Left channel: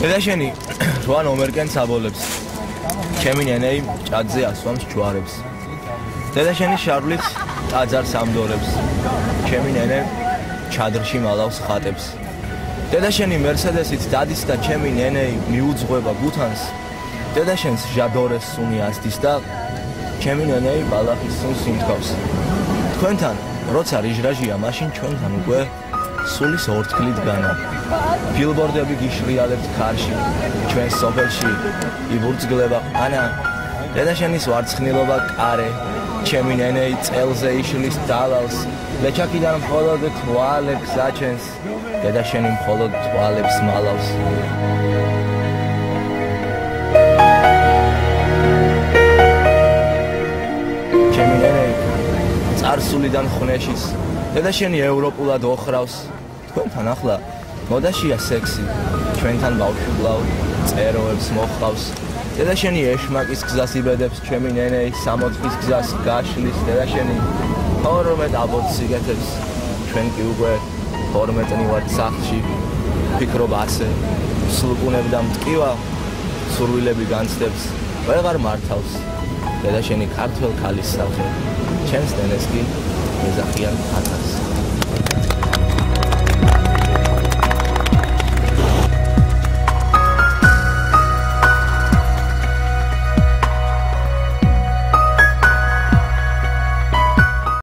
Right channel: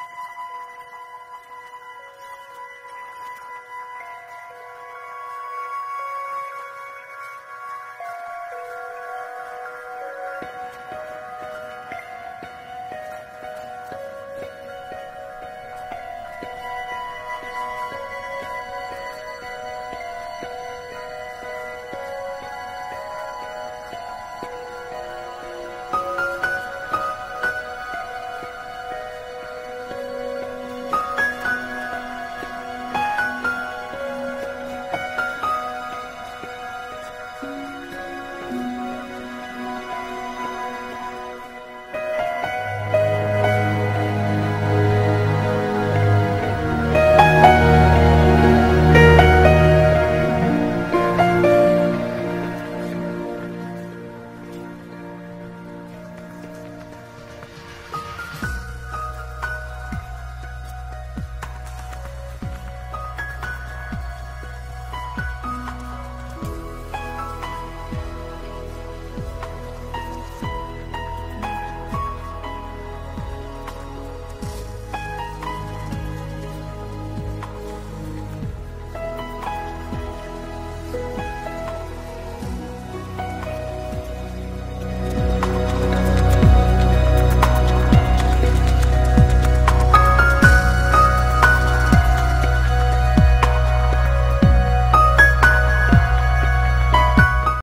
დედა შენი 8 ნომერკენ საბოლებს. ჩემი ნენეი ჭადზე ასვამს ჯვარებს. დედა შენი შარვლით ტაძარს ამდორებს. ჩემი ნენე ჩადრში მალავს ხატებს. დედა შენი მერსედესით დადის და ჩემი ნენეი მიუძღვება გუთანს. დედა შენს ჟადორეს სუნი ასდის და ჩემი ნენეი ბალახის სუნს იმთქავს. თქვენთან როცა რიჟრაჟია, მაშინ ჩვენთან უკვე სულის ორთქლით განა. ბილბორდები გიშრიალებთ ქარში, ჩვენ სოფელში იბურწგლება ყანა. დედა შენის ვარცხნილობა კარე, ჩემი ნენეი წელზე იშლის დალალს. ლეჩაკიდან მხოლოდ თვალებს აჩენს, დედა შენი მხოლოდ თვალებს მალავს. წარსულიდან ხნეშის, დედა შენი ევროპულად ოხრავს. თქვენთან ახლა მოდაშია სექსი, ჩვენთან ბავშვობლავ წეროებს მოხავს. დედა შენი ეშმაკის გზას იბედებს, ჩემი ნენეი 60-ის გზას გაშლის. დედა შენი 12 აბორტს იგეთებს, ჩვენ კი უკვე 12 ვართ სახლში. ფიქრობ ასე, სულყუნებ და მტკივა, სურვილები განცდებს, ვეღარ მართავს. დედა შენი ქართველ ქალის სახე, ჩემს ნენეს კი ეძახიან ათას.